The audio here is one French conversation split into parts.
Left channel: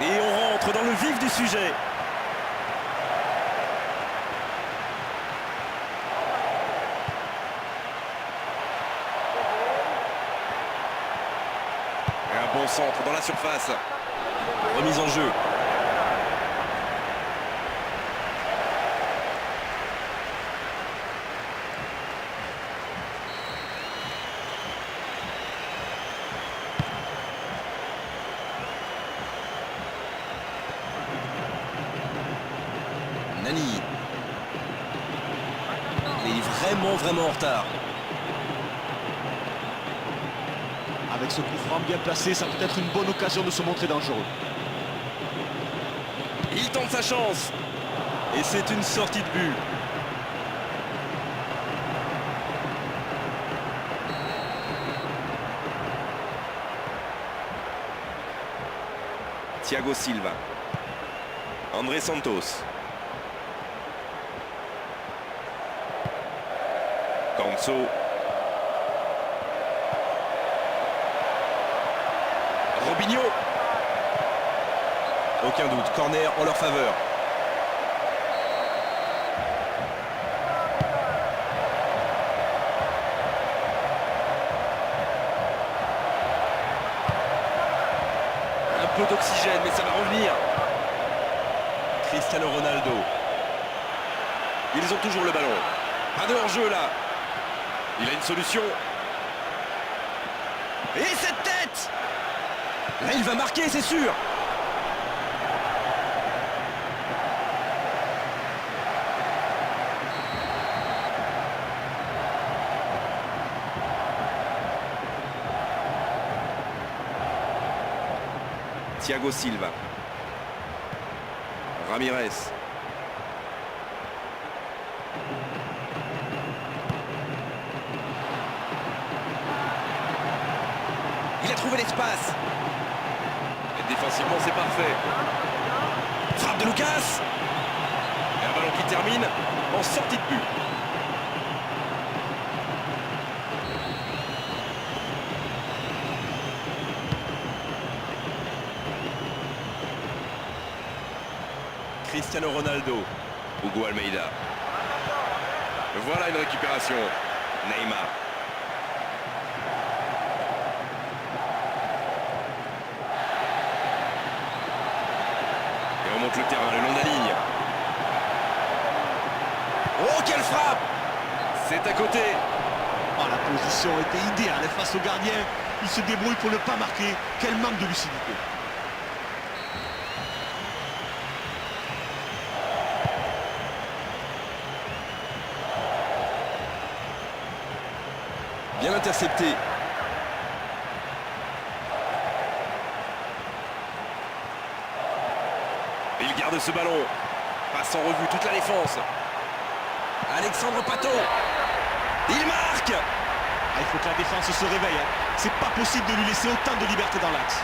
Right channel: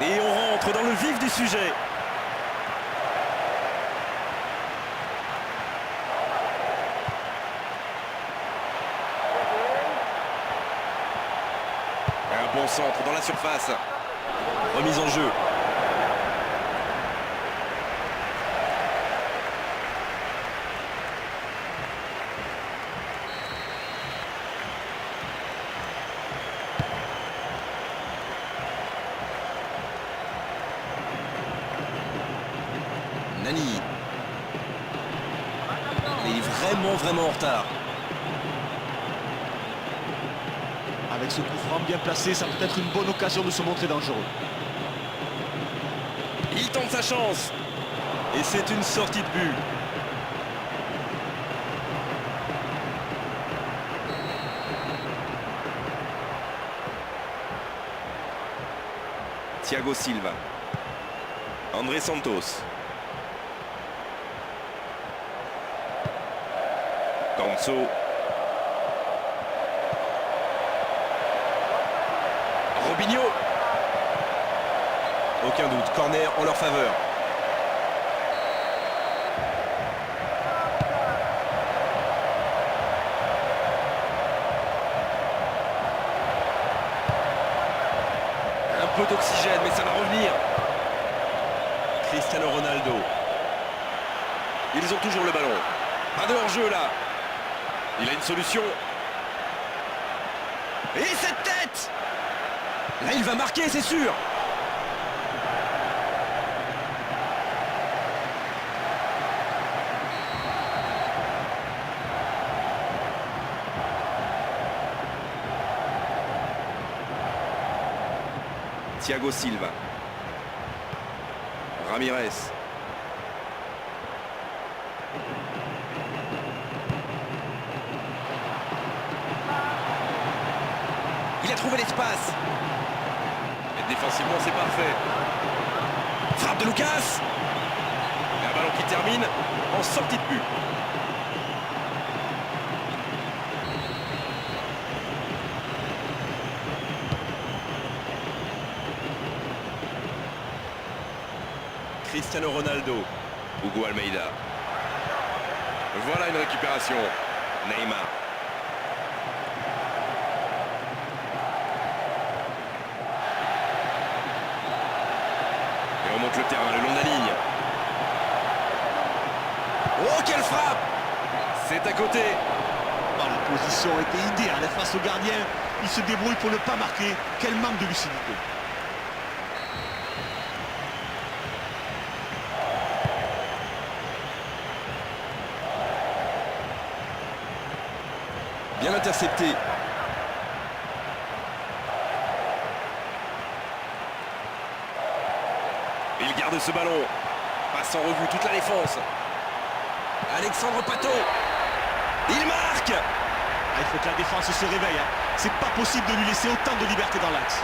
Et on rentre dans le vif du sujet. Et un bon centre dans la surface. Remise en jeu. Nani. Il est vraiment en retard. Avec ce coup franc bien placé, ça peut être une bonne occasion de se montrer dangereux. Il tente sa chance. Et c'est une sortie de but. Thiago Silva. André Santos. Ganso. Robinho. Aucun doute, corner en leur faveur. Un peu d'oxygène, mais ça va revenir. Cristiano Ronaldo. Ils ont toujours le ballon. Pas de hors-jeu là. Il a une solution. Et cette tête! Là, il va marquer, c'est sûr. Thiago Silva. Ramirez. Il a trouvé l'espace. Et défensivement, c'est parfait. Frappe de Lucas. Et un ballon qui termine en sortie de but. Cristiano Ronaldo. Hugo Almeida. Voilà une récupération. Neymar. Et on monte le terrain le long de la ligne. Oh, quelle frappe! C'est à côté. Oh, la position était idéale face au gardien. Il se débrouille pour ne pas marquer. Quel manque de lucidité. Bien intercepté. Il garde ce ballon. Passe en revue toute la défense. Alexandre Pato. Il marque. Ah, il faut que la défense se réveille. C'est pas possible de lui laisser autant de liberté dans l'axe.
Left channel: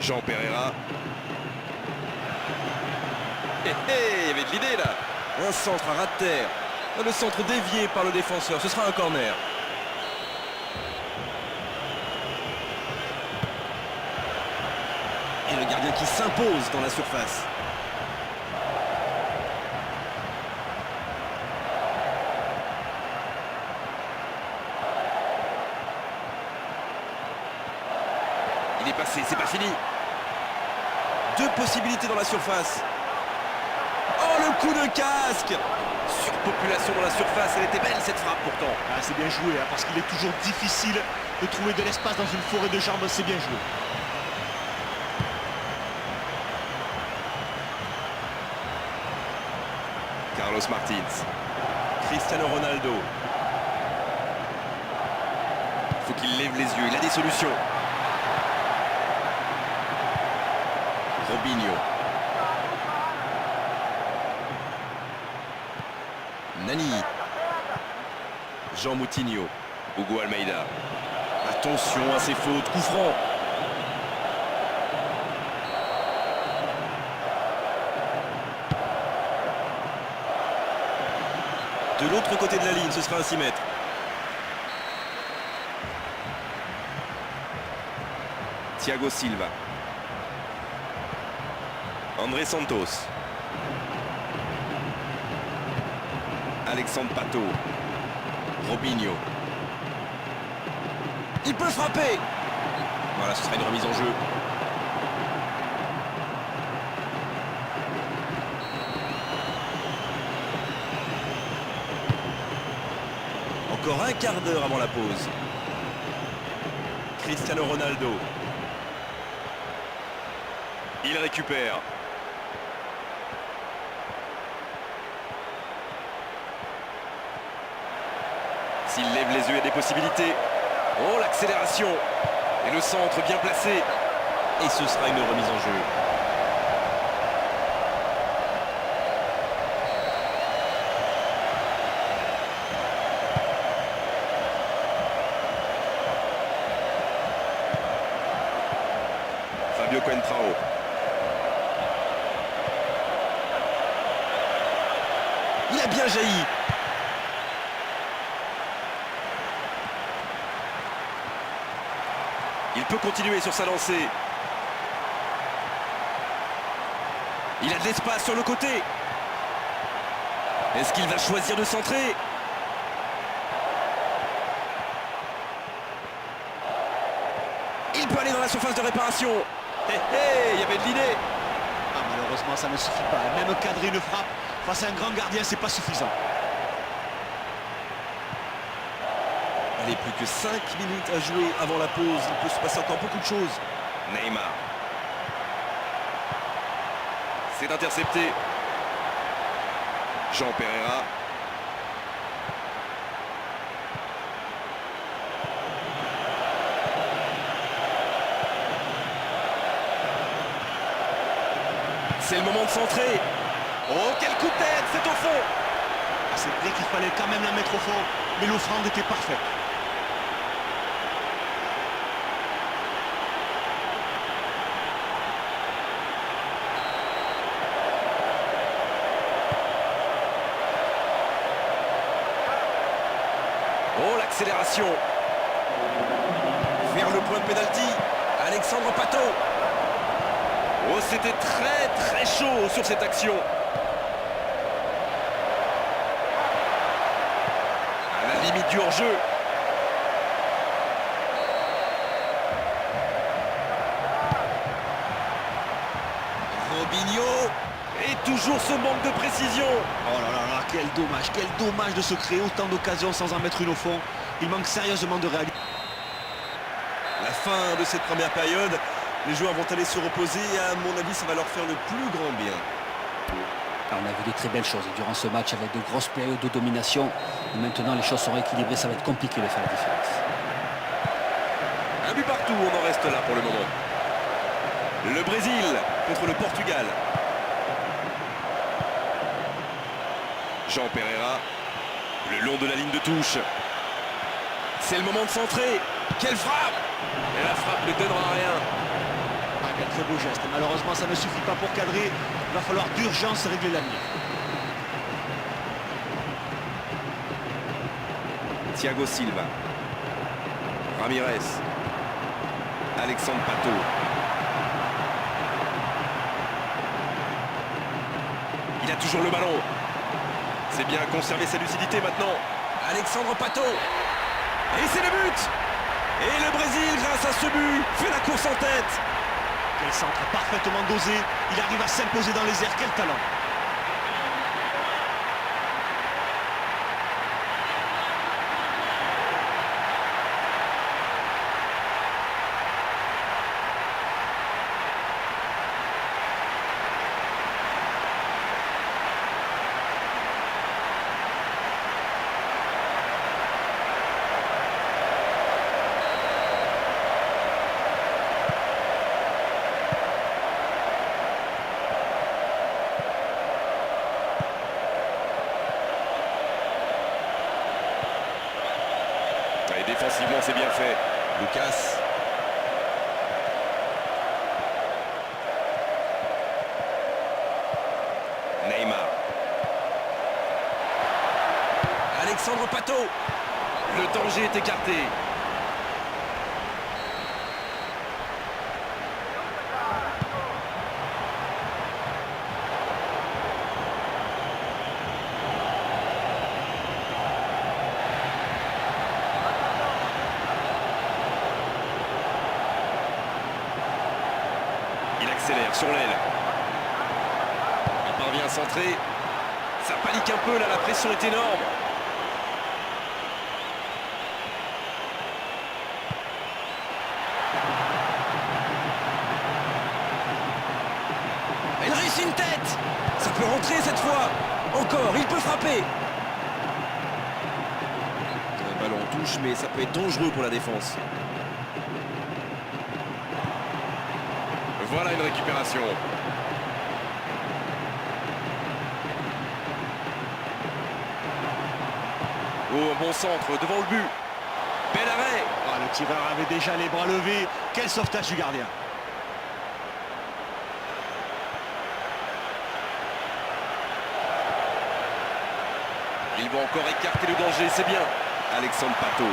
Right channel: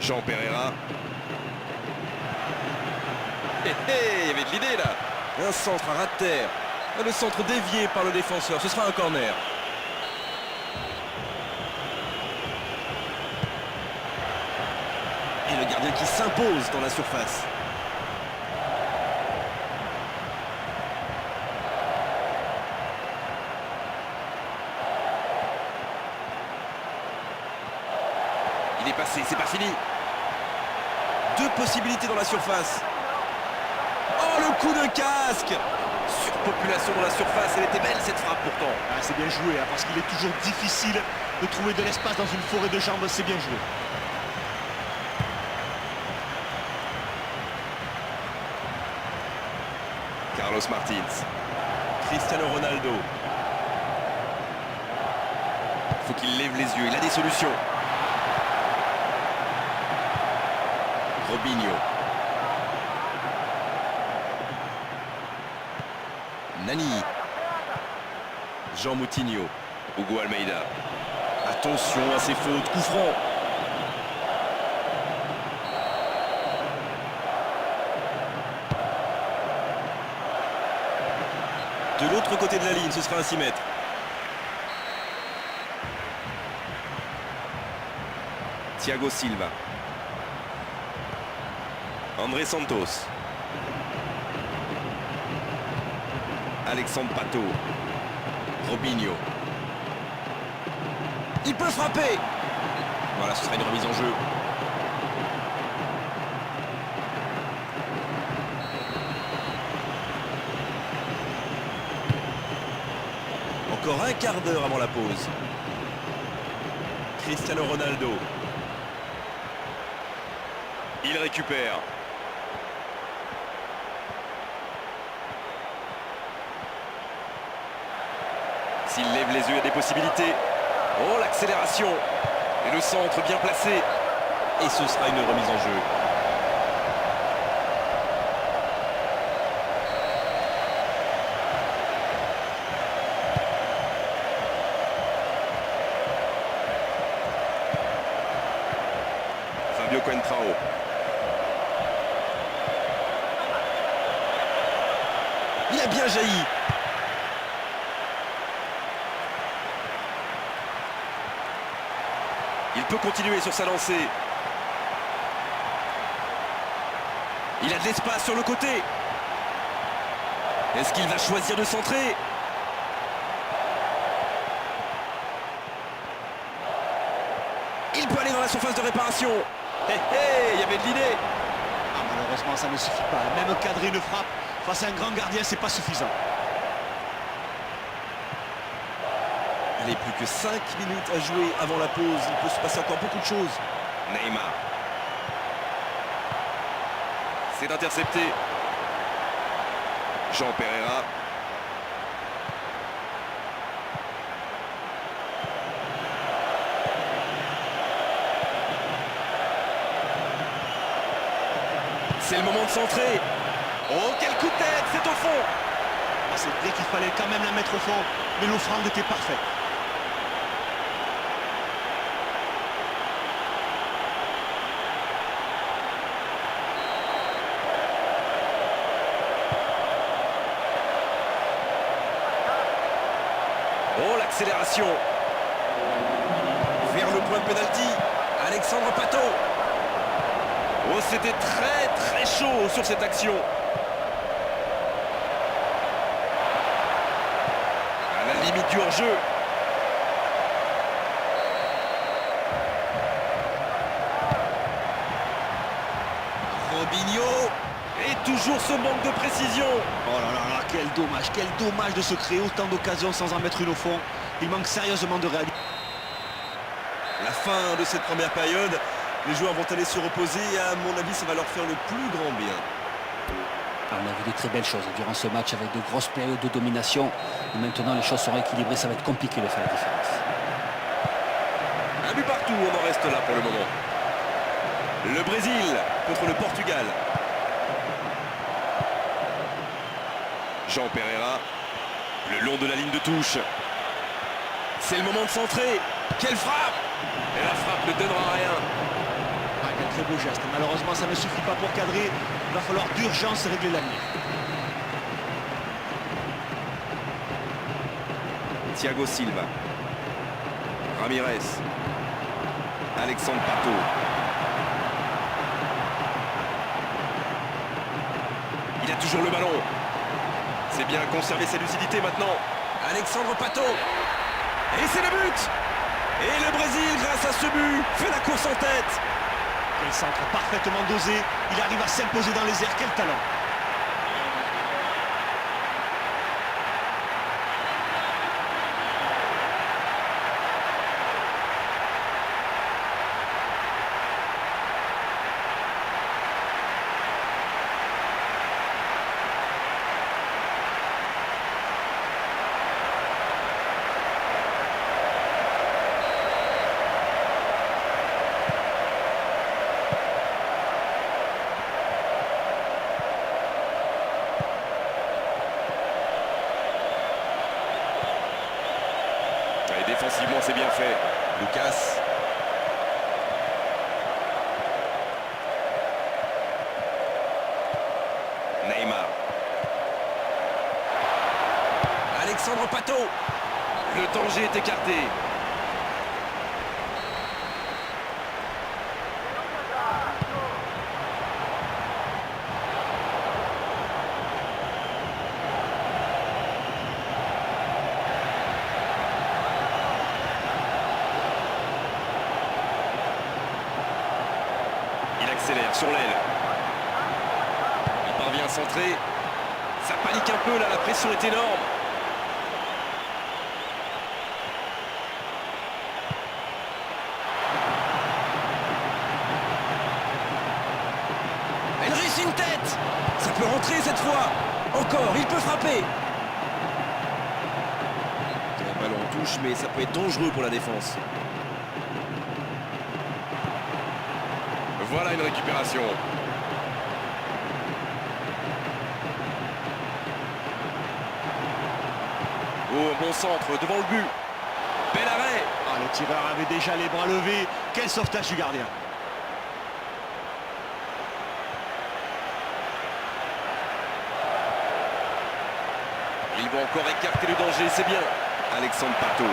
Jean Pereira. Il y avait de l'idée là. Un centre à ras de terre. Le centre dévié par le défenseur. Ce sera un corner. Et le gardien qui s'impose dans la surface. Il est passé, c'est pas fini. Deux possibilités dans la surface. Oh, le coup de casque! Surpopulation dans la surface, elle était belle cette frappe pourtant. Ah, c'est bien joué, parce qu'il est toujours difficile de trouver de l'espace dans une forêt de jambes, c'est bien joué. Carlos Martins. Cristiano Ronaldo. Il faut qu'il lève les yeux, il a des solutions. Robinho. Nani. Jean Moutinho. Hugo Almeida. Attention à ces fautes, coup franc. De l'autre côté de la ligne, ce sera un 6 mètres. Thiago Silva. André Santos. Alexandre Pato. Robinho. Il peut frapper. Voilà, ce sera une remise en jeu. Encore un quart d'heure avant la pause. Cristiano Ronaldo. Il récupère. S'il lève les yeux, il y a des possibilités. Oh, l'accélération. Et le centre bien placé. Et ce sera une remise en jeu. Fabio Coentrao. Il a bien jailli. Il peut continuer sur sa lancée. Il a de l'espace sur le côté. Est-ce qu'il va choisir de centrer? Il peut aller dans la surface de réparation. Hé hé, il y avait de l'idée. Ah, malheureusement, ça ne suffit pas. Même cadrer une frappe face à un grand gardien, c'est pas suffisant. Allez, plus que 5 minutes à jouer avant la pause. Il peut se passer encore beaucoup de choses. Neymar. C'est intercepté. Jean Pereira. C'est le moment de centrer. Oh, quel coup de tête, c'est au fond. Ah, c'est vrai qu'il fallait quand même la mettre au fond, mais l'offrande était parfaite. Oh, l'accélération. Vers le point de pénalty. Alexandre Pato. Oh, c'était très chaud sur cette action. À la limite du hors-jeu. Robinho. Et toujours ce manque de précision. Oh là là là, quel dommage de se créer autant d'occasions sans en mettre une au fond. Il manque sérieusement de réalité. La fin de cette première période, les joueurs vont aller se reposer et à mon avis, ça va leur faire le plus grand bien. On a vu des très belles choses durant ce match avec de grosses périodes de domination. Et maintenant, les choses sont équilibrées, ça va être compliqué de faire la différence. Un but partout, on en reste là pour le moment. Le Brésil contre le Portugal. Jean Pereira, le long de la ligne de touche. C'est le moment de centrer. Quelle frappe! Et la frappe ne donnera rien. Ah, quel très beau geste. Malheureusement, ça ne suffit pas pour cadrer. Il va falloir d'urgence régler la ligne. Thiago Silva. Ramirez. Alexandre Pato. Il a toujours le ballon. C'est bien conserver sa lucidité maintenant. Alexandre Pato. Et c'est le but. Et le Brésil, grâce à ce but, fait la course en tête. Quel centre parfaitement dosé. Il arrive à s'imposer dans les airs. Quel talent. Défensivement, c'est bien fait. Lucas. Neymar. Alexandre Pato. Le danger est écarté. Il accélère sur l'aile. Il parvient à centrer. Ça panique un peu là, la pression est énorme. Il réussit une tête. Ça peut rentrer cette fois. Encore, il peut frapper. Le ballon touche, mais ça peut être dangereux pour la défense. Voilà une récupération. Oh, un bon centre devant le but. Bel arrêt. Ah, le tireur avait déjà les bras levés. Quel sauvetage du gardien. Ils vont encore écarter le danger, c'est bien. Alexandre Pato.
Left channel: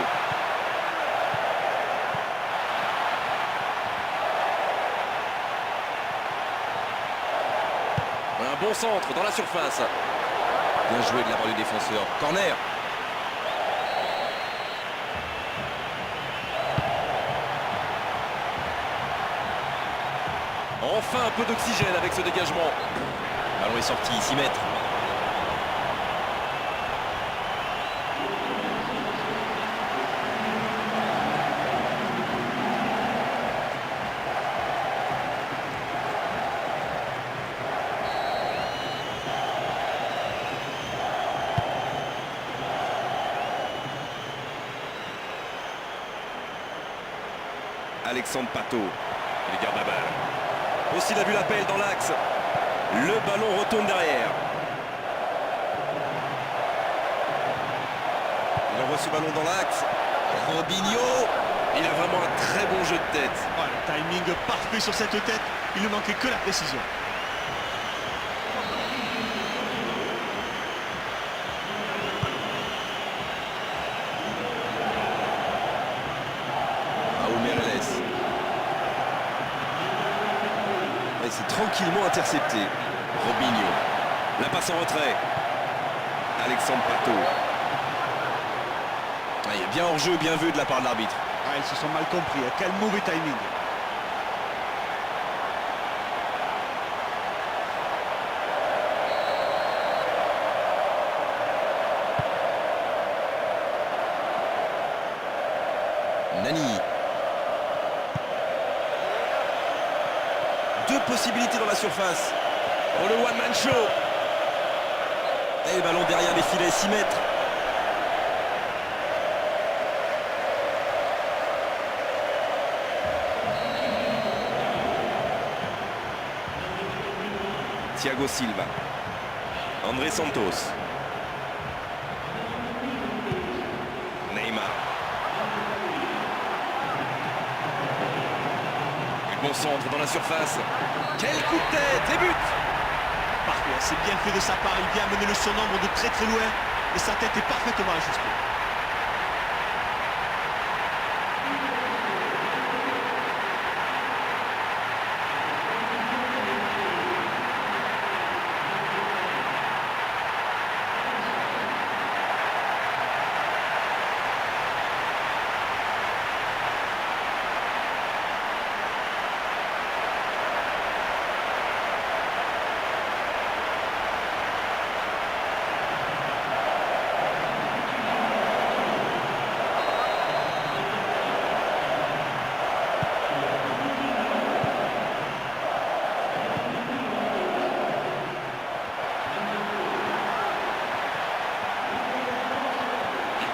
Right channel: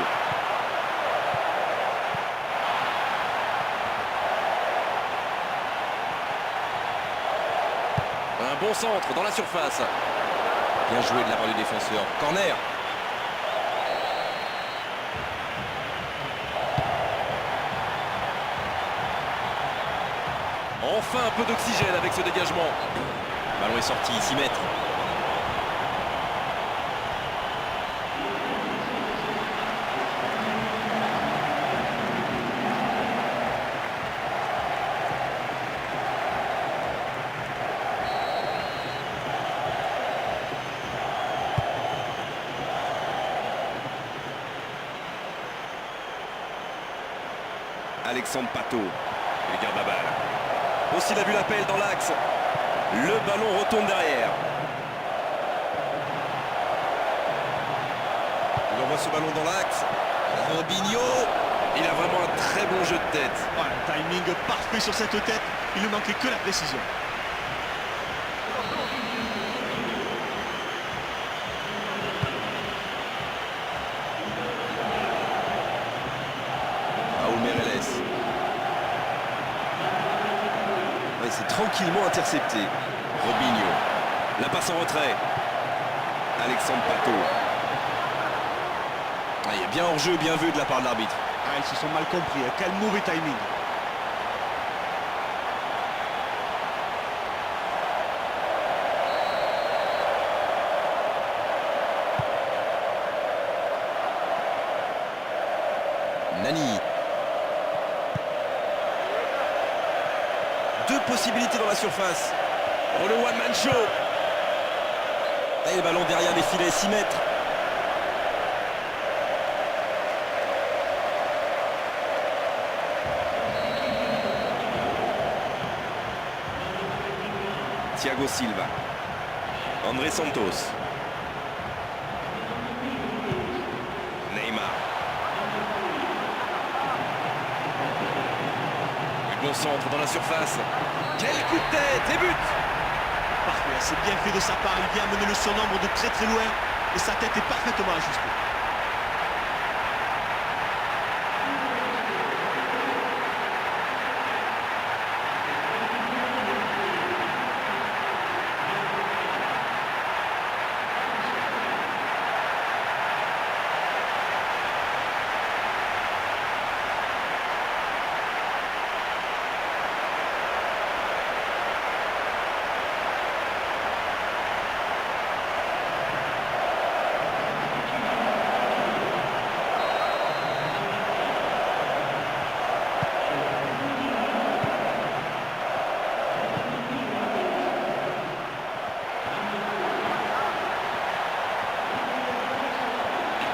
Un bon centre dans la surface. Bien joué de la part du défenseur. Corner. Enfin un peu d'oxygène avec ce dégagement. Le ballon est sorti, 6 mètres. Alexandre Pato. Il garde la balle. Aussi, il a vu l'appel dans l'axe. Le ballon retourne derrière. Il envoie ce ballon dans l'axe. Robinho. Il a vraiment un très bon jeu de tête. Oh, un timing parfait sur cette tête. Il ne manquait que la précision. Raúl Meireles. Ouais, c'est tranquillement intercepté. Robinho. La passe en retrait. Alexandre Pato. Ah, il y a bien hors-jeu, bien vu de la part de l'arbitre. Ah, ils se sont mal compris. Quel mauvais timing. Nani. Deux possibilités dans la surface. Oh, le one-man show. Et le ballon derrière les filets, 6 mètres. Thiago Silva. André Santos. Neymar. Et bon centre dans la surface. Quel coup de tête et but. Parfait, c'est bien fait de sa part. Il vient mener le surnombre de très très loin. Et sa tête est parfaitement ajustée.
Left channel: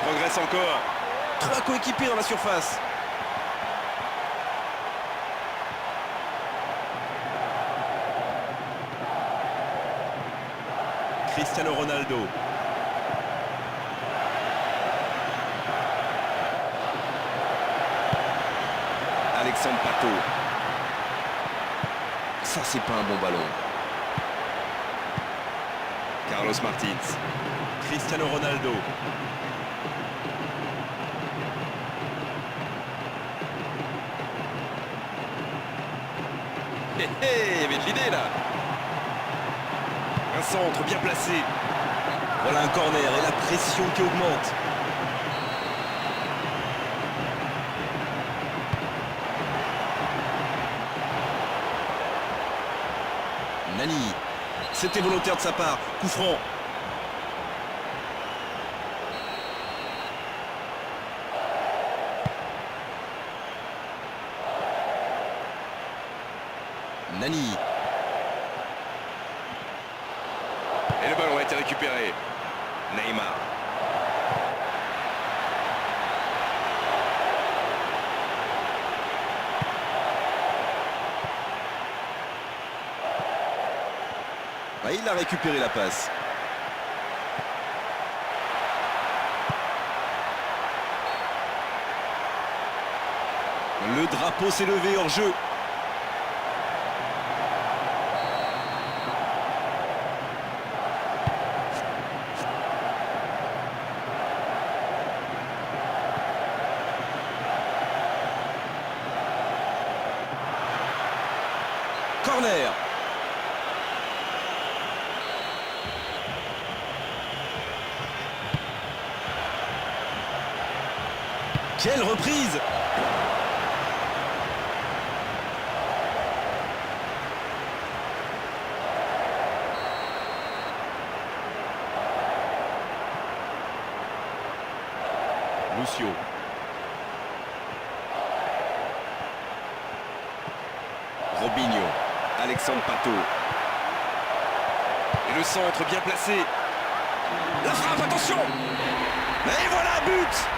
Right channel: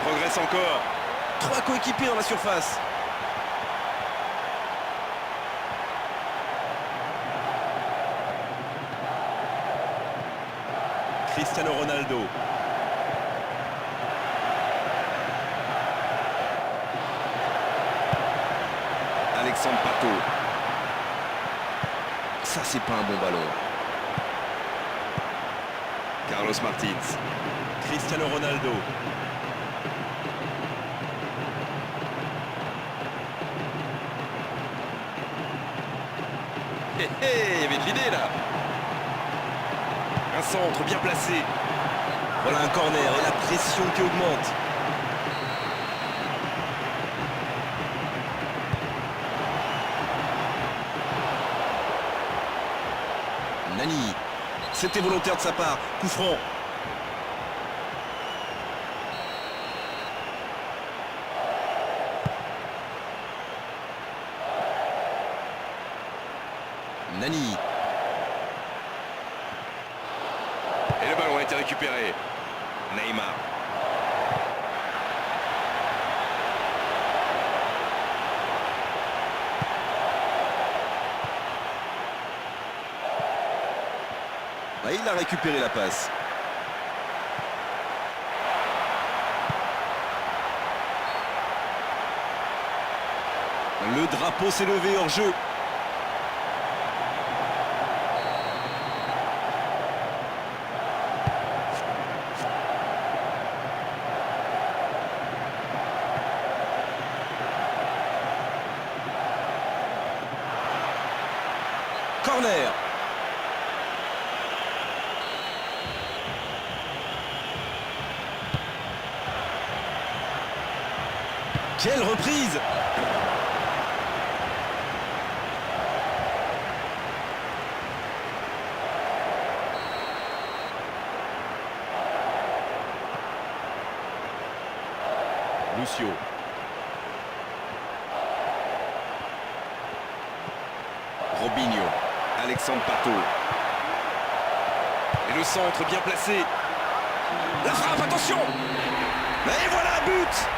Progresse encore. 3 coéquipiers dans la surface. Cristiano Ronaldo. Alexandre Pato. Ça, c'est pas un bon ballon. Carlos Martins. Cristiano Ronaldo. Hé hé, il y avait de l'idée là. Un centre bien placé. Voilà un corner et la pression qui augmente. Nani. C'était volontaire de sa part. Coup franc. Nani. Et le ballon a été récupéré. Neymar. Ah, il a récupéré la passe. Le drapeau s'est levé hors jeu. Corner. Quelle reprise! Lucio. Robinho. Alexandre Pato. Et le centre bien placé. La frappe, attention! Et voilà, but!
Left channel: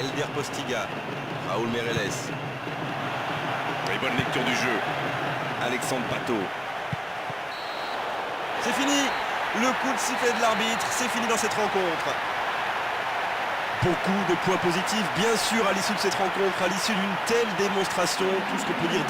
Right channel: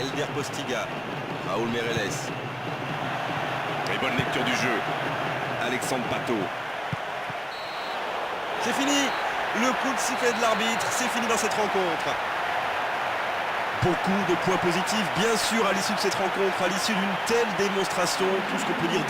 Elder Postiga, Raúl Meireles. Et bonne lecture du jeu. Alexandre Pato. C'est fini. Le coup de sifflet de l'arbitre, c'est fini dans cette rencontre. Beaucoup de points positifs, bien sûr, à l'issue de cette rencontre, à l'issue d'une telle démonstration, tout ce qu'on peut dire.